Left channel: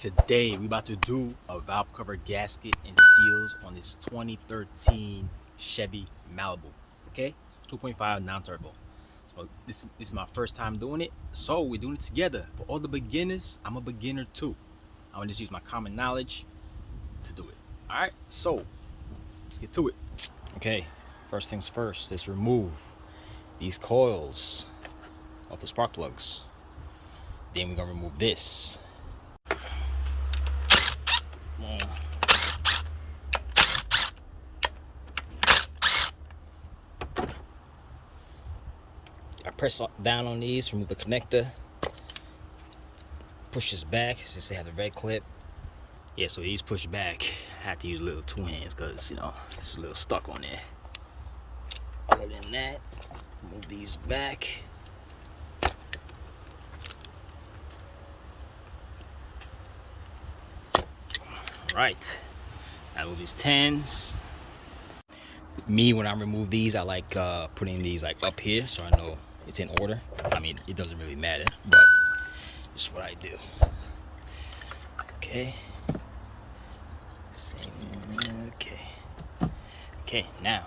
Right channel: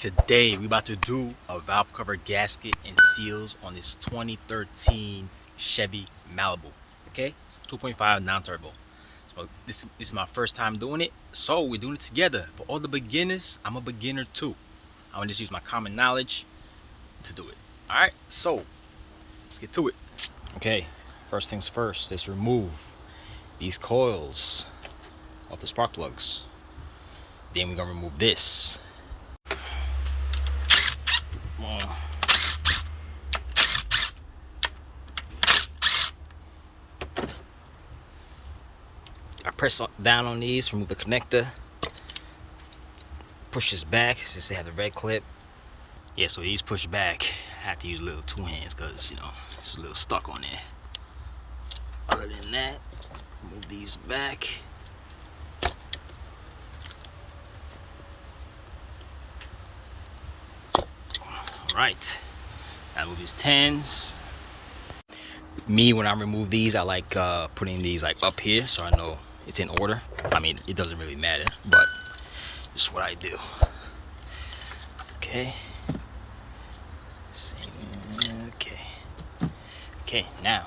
Today we about to do a valve cover gasket and seals on this 2013 Chevy Malibu. Okay, 2.5 non-turbo. So this is my first time doing it, so we're doing it together. For all the beginners, I'm a beginner too. I'm gonna just use my common knowledge to do it. All right, so let's get to it. Okay, first things first, let's remove these coils off the spark plugs. Then we're gonna remove this. I press down on these, remove the connector, push this back since they have the red clip. Yeah, so these push back. I have to use a little two hands because, you know, it's a little stuck on there. Other than that, move these back. All right, now move these 10s. Me, when I remove these, I like putting these like up here so I know it's in order. I mean, it doesn't really matter, but it's what I do. Okay. Okay, now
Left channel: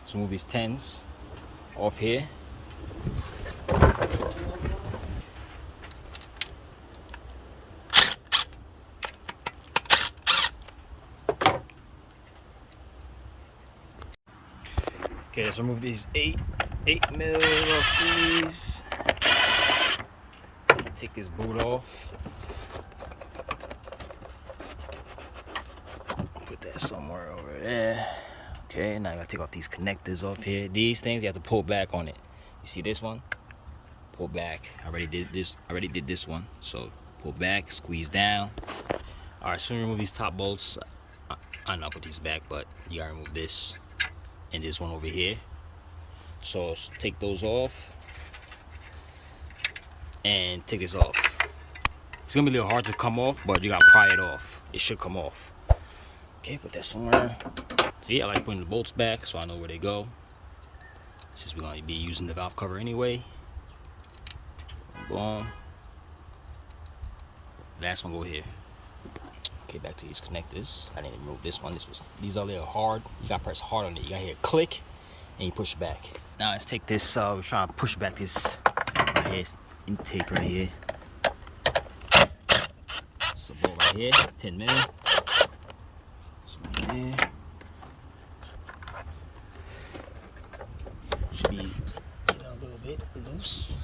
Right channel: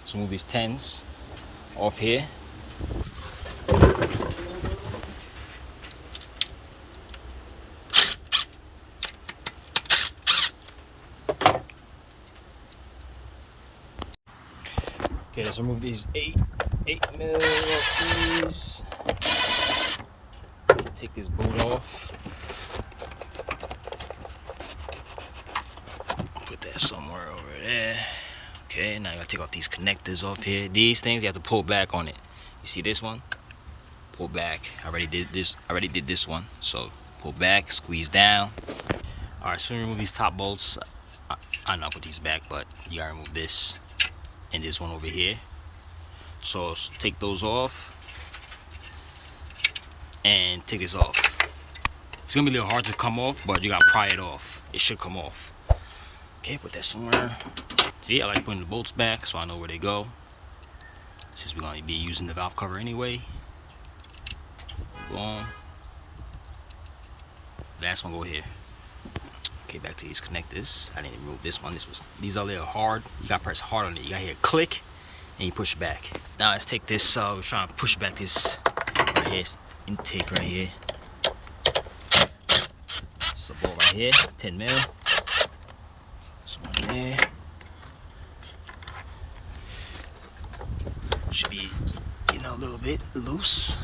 let's move these 10s off here. Okay, let's remove these 8 mil of these. Take this boot off. Put that somewhere over there. Okay, now I gotta take off these connectors off here. These things you have to pull back on it. You see this one? Pull back. I already did this one. So pull back, squeeze down. All right, so remove these top bolts. I know I put these back, but you gotta remove this and this one over here. So take those off and take this off. It's gonna be a little hard to come off, but you gotta pry it off. It should come off. Okay, put that somewhere. See, I like putting the bolts back so I know where they go, since we're gonna be using the valve cover anyway. Boom. Last one go here. Okay, back to these connectors. I didn't remove this one. These are a little hard. You gotta press hard on it. You gotta hear a click and you push back. Now let's take this, we're trying to push back this right here, intake right here. It's a bolt right here, 10 mil. This one there. Should be, you know, a little bit loose.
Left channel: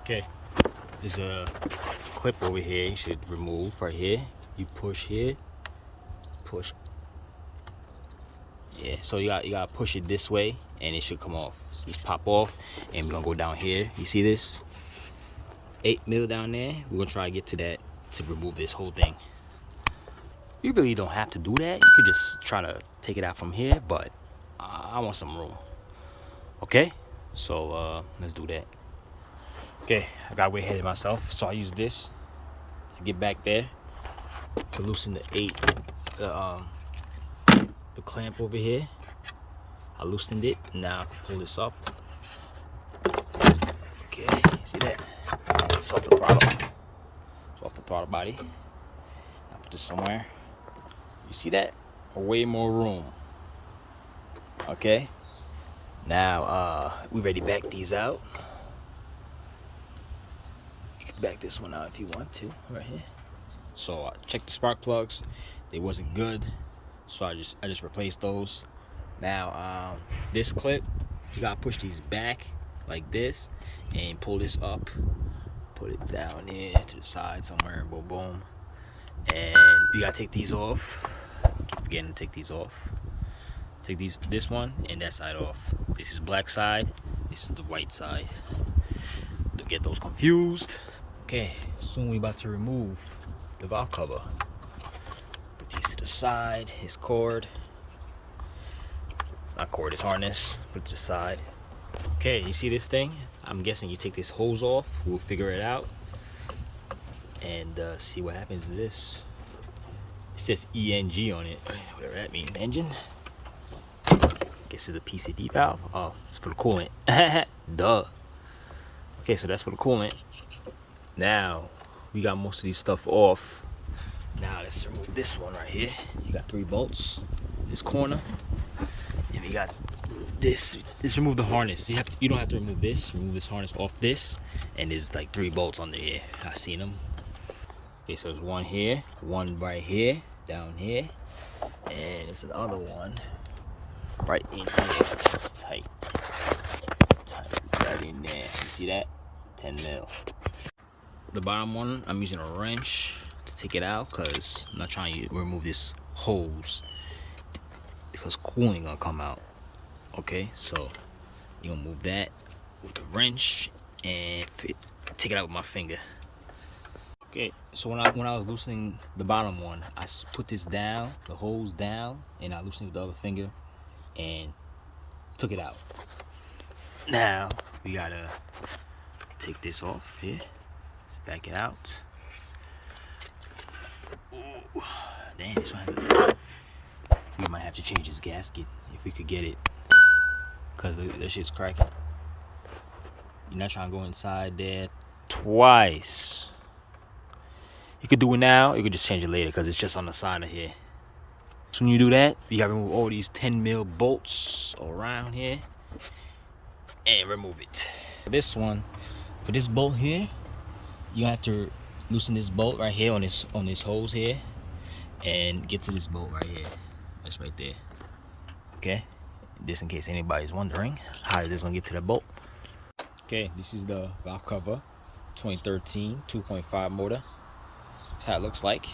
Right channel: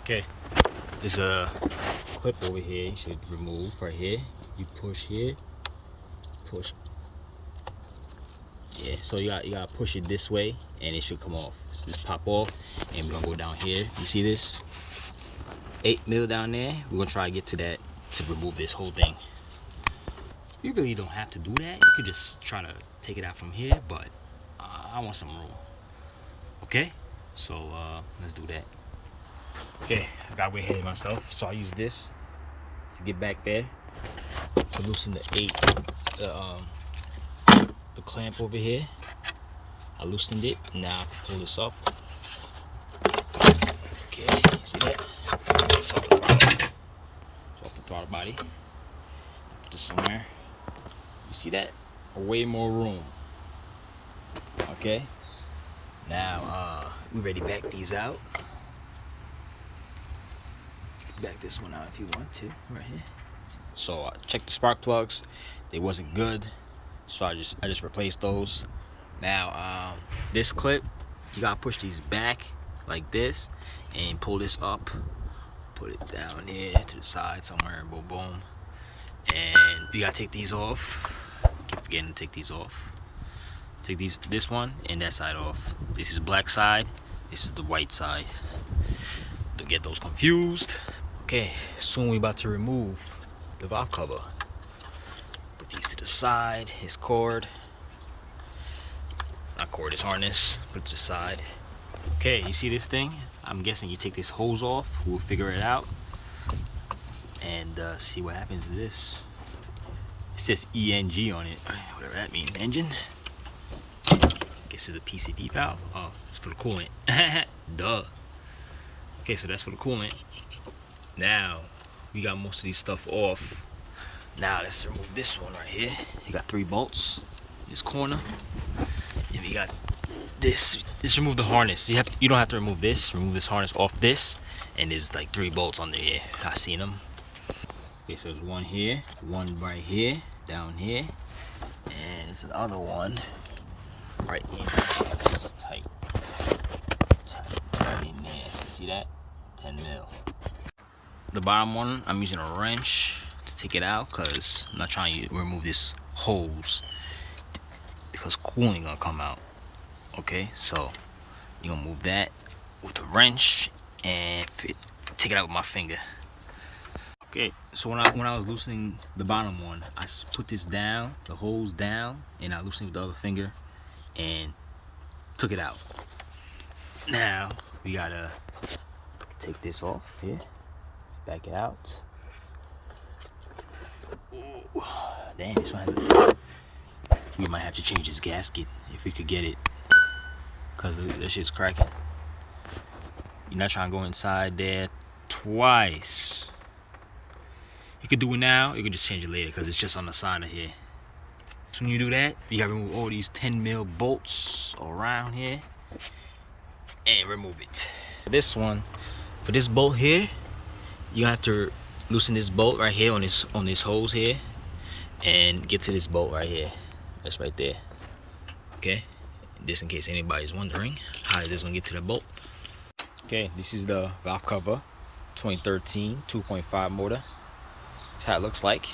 Okay, there's a clip over here you should remove right here. You push here, push. Yeah, so you gotta push it this way and it should come off. So just pop off and we're gonna go down here. You see this? 8 mil down there. We're gonna try to get to that to remove this whole thing. You really don't have to do that. You could just try to take it out from here, but I want some room. Okay, so let's do that. Okay, I got way ahead of myself, so I use this to get back there to loosen the clamp over here. I loosened it. Now I can pull this up. Okay, see that? It's off the throttle. It's off the throttle body. I'll put this somewhere. You see that? Way more room. Okay. Now we ready to back these out. You can back this one out if you want to, right here. So check the spark plugs. They wasn't good, so I just replaced those. Now this clip, you gotta push these back like this and pull this up. Put it down here to the side somewhere. Boom, boom. And you gotta take these off. Keep forgetting to take these off. Take this one and that side off. This is black side. This is the white side. Don't get those confused. Okay, soon we about to remove the valve cover. Put these to the side. His cord. Not cord, it's harness. Put it to the side. Okay, you see this thing? I'm guessing you take this hose off. We'll figure it out and see what happens to this. It says ENG on it, whatever that means. Engine. This is the PCV valve. Oh, it's for the coolant. Duh. Okay, so that's for the coolant. Now we got most of these stuff off. Now let's remove this one right here. You got 3 bolts, this corner, and we got this. Just remove the harness. You don't have to remove this. Remove this harness off this, and there's like 3 bolts under here. I seen them. Okay, so there's one here, one right here, down here, and there's the other one right in here. It's tight, right in there. You see that? 10 mil. The bottom one, I'm using a wrench to take it out because I'm not trying to remove this hose because cooling gonna come out. Okay, so you're gonna move that with the wrench and take it out with my finger. Okay, so when I was loosening the bottom one, I put this down, the hose down, and I loosened it with the other finger and took it out. Now we gotta take this off here, back it out. Ooh, dang, this one has we might have to change this gasket if we could get it, cause that shit's cracking. You're not trying to go inside there twice. You could do it now, you could just change it later because it's just on the side of here. So when you do that, you gotta remove all these 10 mil bolts around here and remove it. This one, for this bolt here, you have to loosen this bolt right here on this hose here and get to this bolt right here. That's right there. Okay, just in case anybody's wondering how this gonna get to the bolt. Okay, this is the valve cover, 2013 2.5 motor. That's how it looks like.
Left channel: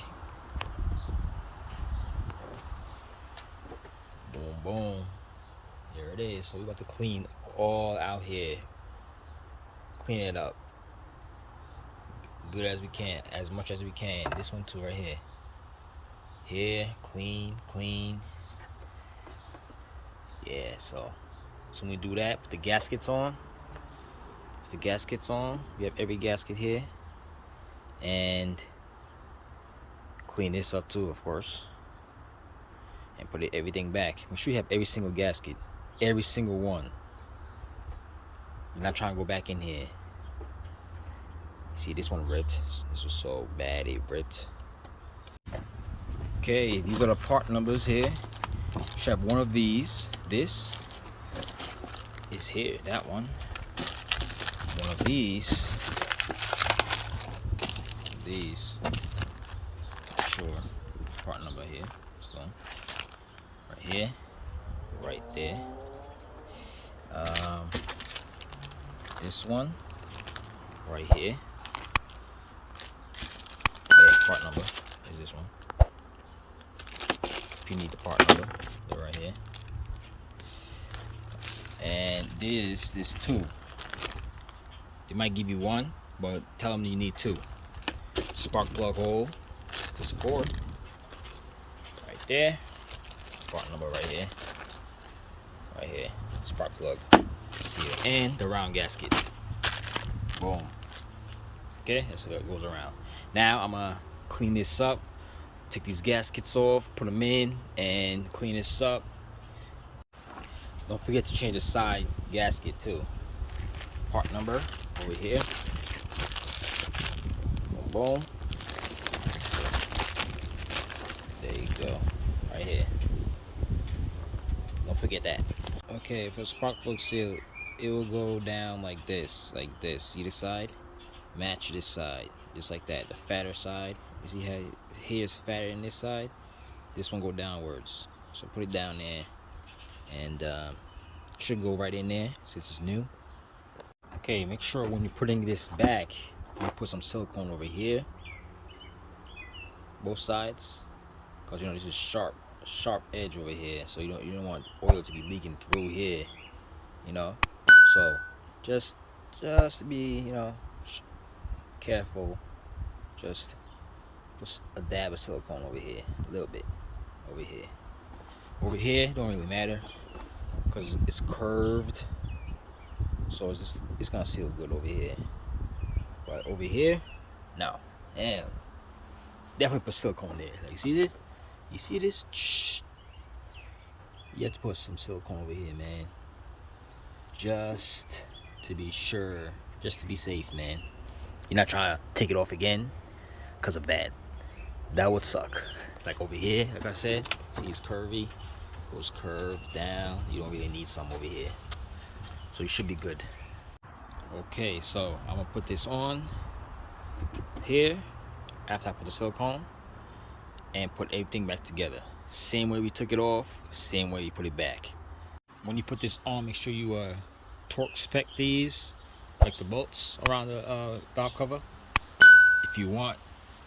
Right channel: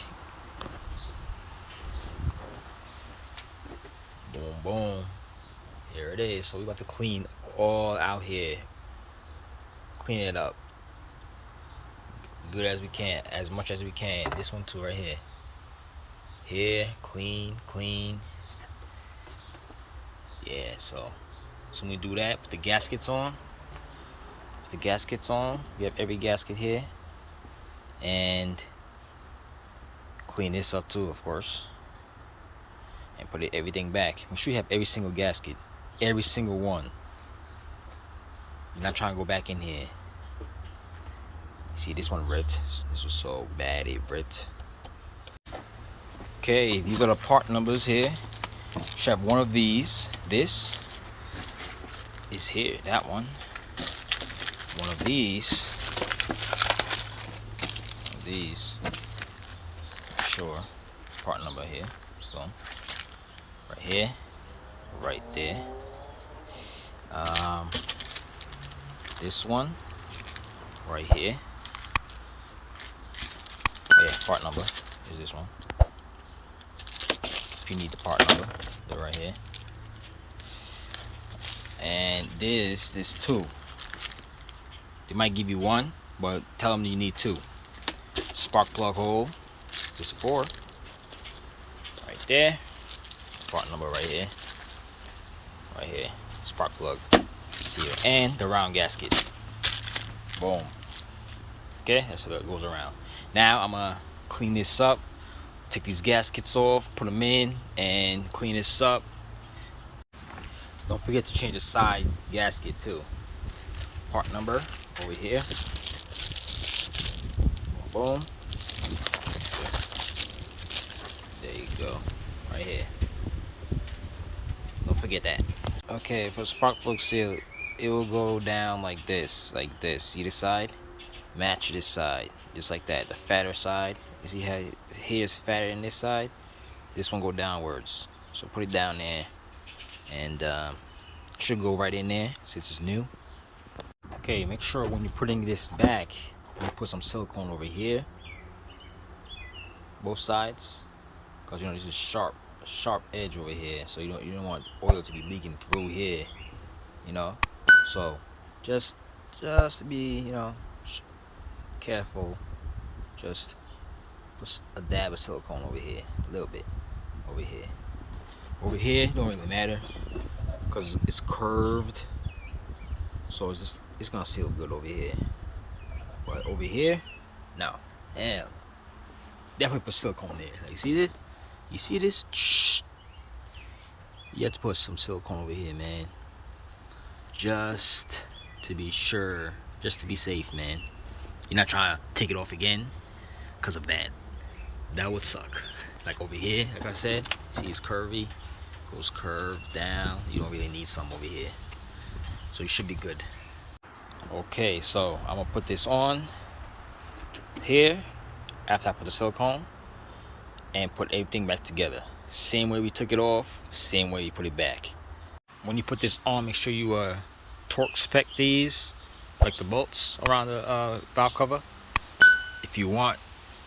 Boom, boom. Here it is. So we're about to clean all out here. Clean it up. Good as we can, as much as we can. This one too right here. Here, clean, clean. Yeah, so when we do that, put the gaskets on. Put the gaskets on. We have every gasket here. And clean this up too, of course. And put everything back. Make sure you have every single gasket. Every single one. You're not trying to go back in here. See, this one ripped. This was so bad it ripped. Okay, these are the part numbers here. Should have one of these. This is here. That one. One of these. Sure. Part number here. Boom. Right here. Right there. This one. Right here. Yeah, part number is this one. If you need the part number, they're right here. And this two. They might give you one, but tell them you need 2. Spark plug hole. There's 4. Right there. Part number right here. Right here. Spark plug seal. And the round gasket. Boom. Okay, that's how it goes around. Now I'm gonna clean this up. Take these gaskets off, put them in, and clean this up. Don't forget to change the side gasket too. Part number over here. Boom. There you go. Right here. Don't forget that. Okay, for spark plug seal, it will go down like this. See the side? Match this side. Just like that. The fatter side. You see how here's fatter than this side? This one go downwards. So put it down there. And should go right in there since it's new. Okay, make sure when you're putting this back, you put some silicone over here. Both sides. Because this is sharp edge over here. So you don't want oil to be leaking through here. So just be, careful. Just put a dab of silicone over here, a little bit over here. Over here don't really matter because it's curved, so it's gonna seal good over here. But over here, no. And definitely put silicone there. Like, you see this? You see this? Shh. You have to put some silicone over here, man. Just to be sure, just to be safe, man. You're not trying to take it off again because of that. That would suck. Like over here, like I said, see it's curvy, goes curved down. You don't really need some over here. So you should be good. Okay, so I'm gonna put this on here after I put the silicone and put everything back together. Same way we took it off, same way you put it back. When you put this on, make sure you torque spec these, like the bolts around the valve cover. If you want,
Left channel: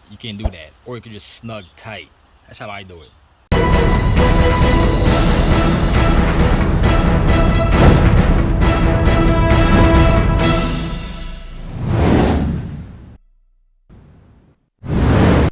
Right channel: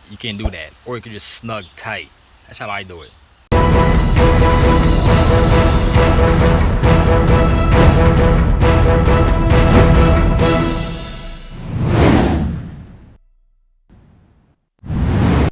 you can do that, or you can just snug tight. That's how I do it.